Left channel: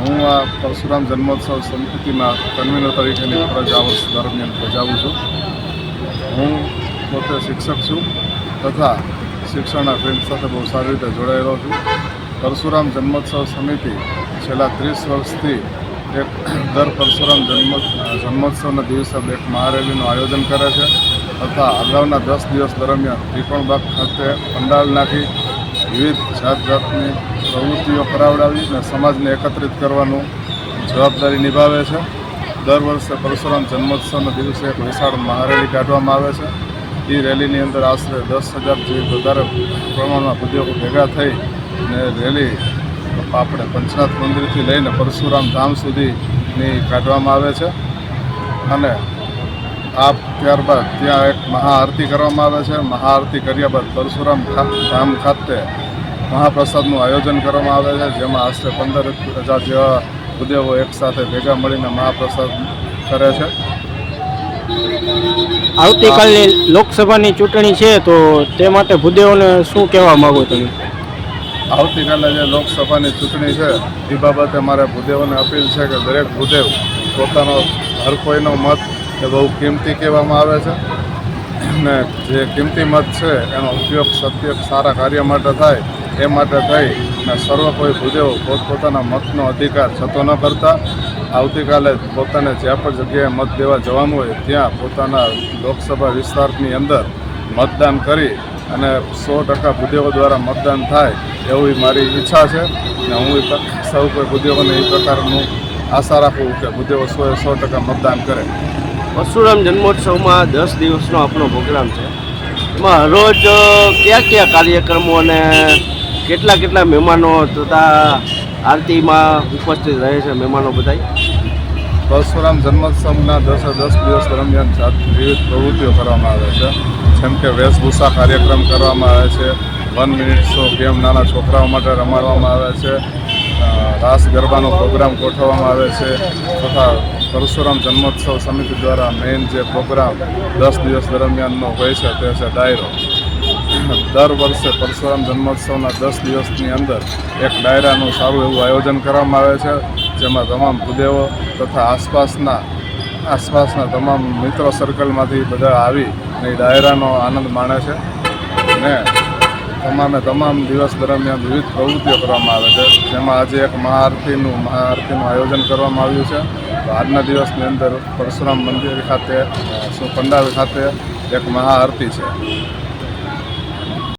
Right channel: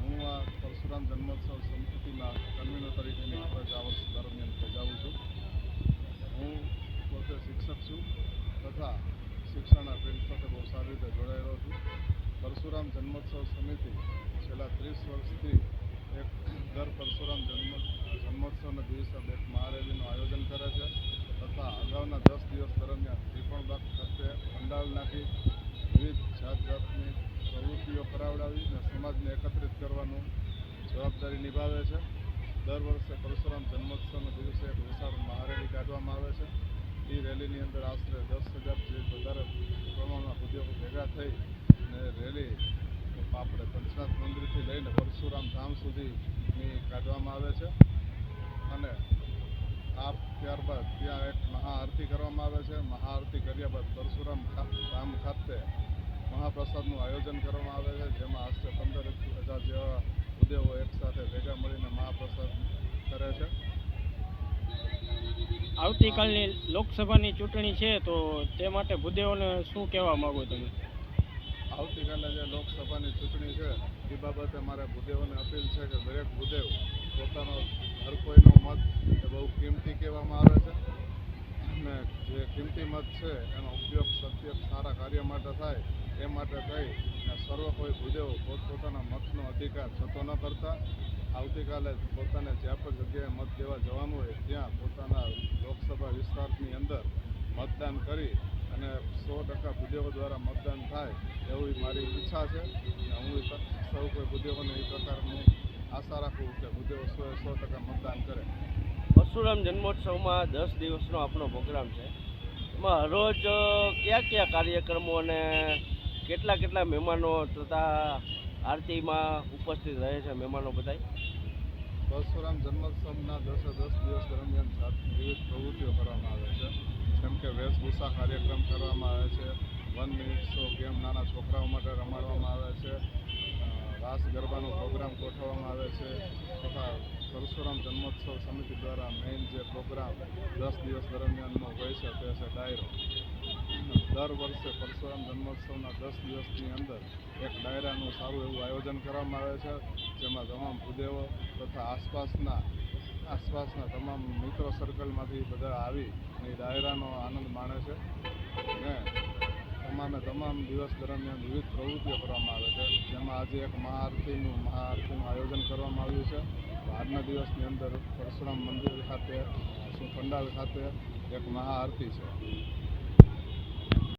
હું આ પરશુરામ જન્મોત્સવ સમિતિમાં કન્વીનર તરીકેની ફરજ આ વર્ષ દરમિયાન બજાવું છું. હું પોતે શિક્ષક છું તથા શિક્ષણના ફિલ્ડ સાથે બહુ સારી રીતે જોડાયેલો છું. પરશુરામ જન્મોત્સવ સમિતિ છેલ્લા ત્રીસ વર્ષથી એક દર પરશુરામ જન્મ, જન્મોત્સવના દિવસે એક મહારેલીનું આયોજન કરે છે તથા અગાઉના દસ દિવસ દરમિયાન ત્રિકોણબાગ ખાતે પંડાલ નાખી વિવિધ જાત જાતની પ્રવૃત્તિઓ કરાવડાવી અને સમાજને એકત્રિત કરવાનું જવાબદારી નિભાવે છે. દર વર્ષે પરશુરામ જન્મોત્સવના દિવસે એક વિશાળ મહારેલી કાઢવામાં આવે છે. એ રેલીની અંદર આશરે દસ હજાર જેવી વધારે પ્રમાણમાં ઉદ્યોગો ભેગા થઈ અને રેલી આપણે પંચનાથ મંદિરથી લઈને પરશુરામ ધામ સુધીની કાઢવામાં આવે છે. અને આ ત્યારબાદ ત્યાં એક મહાઆરતી કરવામાં આવે છે. મહાઆરતી કર્યા બાદ પરશુરામ ધામ ખાતે મહાપ્રસાદનું આયોજન કરવામાં આવે છે જેમાં આશરે પંદર હજાર જેવા ઉદ્યોગો એકસાથે ભેગા મળીને મહાપ્રસાદ કરે છે. આવતીકાલની લોકસભાની ચૂંટણી છે તો તે માટે ભૂદેવોને શું કહેવા માગો તમે? આવતીકાલે જે લોકસભાની ચૂંટણી છે એ બાબતે મારે ભૂદેવોને અપીલ છે કે દરેક ભૂદેવ પોતાનો હર કોઈનો મત એ બહુ કિંમતી કહેવામાં આવે છે. ને જે કિંમતી મત છે એનો ઉપયોગ સત્ય સારા કાર્ય માટે થાય એ માટે થઈ અને સર્વ કોઈ ભૂદેવ પોતપોતાના મતનો અધિકાર છતો ન કરતા. આવતીકાલે પોતાને જ્યાં પણ જગ્યાએ મત દેવા જવાનું હોય ત્યાં પોતાના લોકસભા વિસ્તારની અંદર મતદાન કરી અને સો ટકા ભૂદેવો દ્વારા મતદાન થાય એવી મારી ઈચ્છા છે ને હું સૌ કોઈ ભૂદેવોને એ પ્રકારનું આશા રાખું કે ભૂદેવો સોએ સો ટકા મતદાન કરે. પરશુરામ જન્મોત્સવમાં દસ દિવસનો આપણો પ્રોગ્રામ છે. એમાં રોજ કયા કયા કાર્યક્રમો અને કેટલા કેટલા મહેમાનો તથા આરતીમાં ઉપસ્થિત રહે છે મહેમાનો બધાય? પરશુરામ જન્મોત્સવના દસે દસ દિવસ દરમિયાન જાત વિવિધ પ્રવૃત્તિઓ કરવામાં આવે છે. જેમ કે વેશભૂષા કાર્યક્રમ કરવામાં આવે છે. વન મિનિટ શો ગેમ નાના છોકરાઓ માટે રમાડવામાં આવે છે. રાસ ગરબાનો પ્રોગ્રામ ગોઠવવામાં આવે છે. તથા પરશુરામ જન્મોત્સવ સમિતિ દ્વારા મેઇન જે પ્રોગ્રામ દસ દિવસ દરમિયાનનો હોય છે તે છે ડાયરો. દર વર્ષે પરશુરામ જન્મોત્સવના દસ દિવસની અંદર એક ડાયરાનું સારું એવું આયોજન કરવામાં આવે છે, જેમાં તમામ ભૂદેવો તથા આસપાસના આસપાસના તમામ મિત્રો સર્કલમાંથી બધા આવી એ ડાયરાનો આનંદ માણે છે. ને તમામે તમામ દિવસ દરમિયાન વિવિધ પ્રવૃત્તિઓ કરવામાં આવે છે, જેમાં આજે એક મહાઆરતીનું મહાઆરતીનું આયોજન કરવામાં આવ્યું છે. તો આજના દિવસની અંદર પરશુરામ મંદિર ખાતે પંડાલ ખાતે એક મહાઆરતી છે.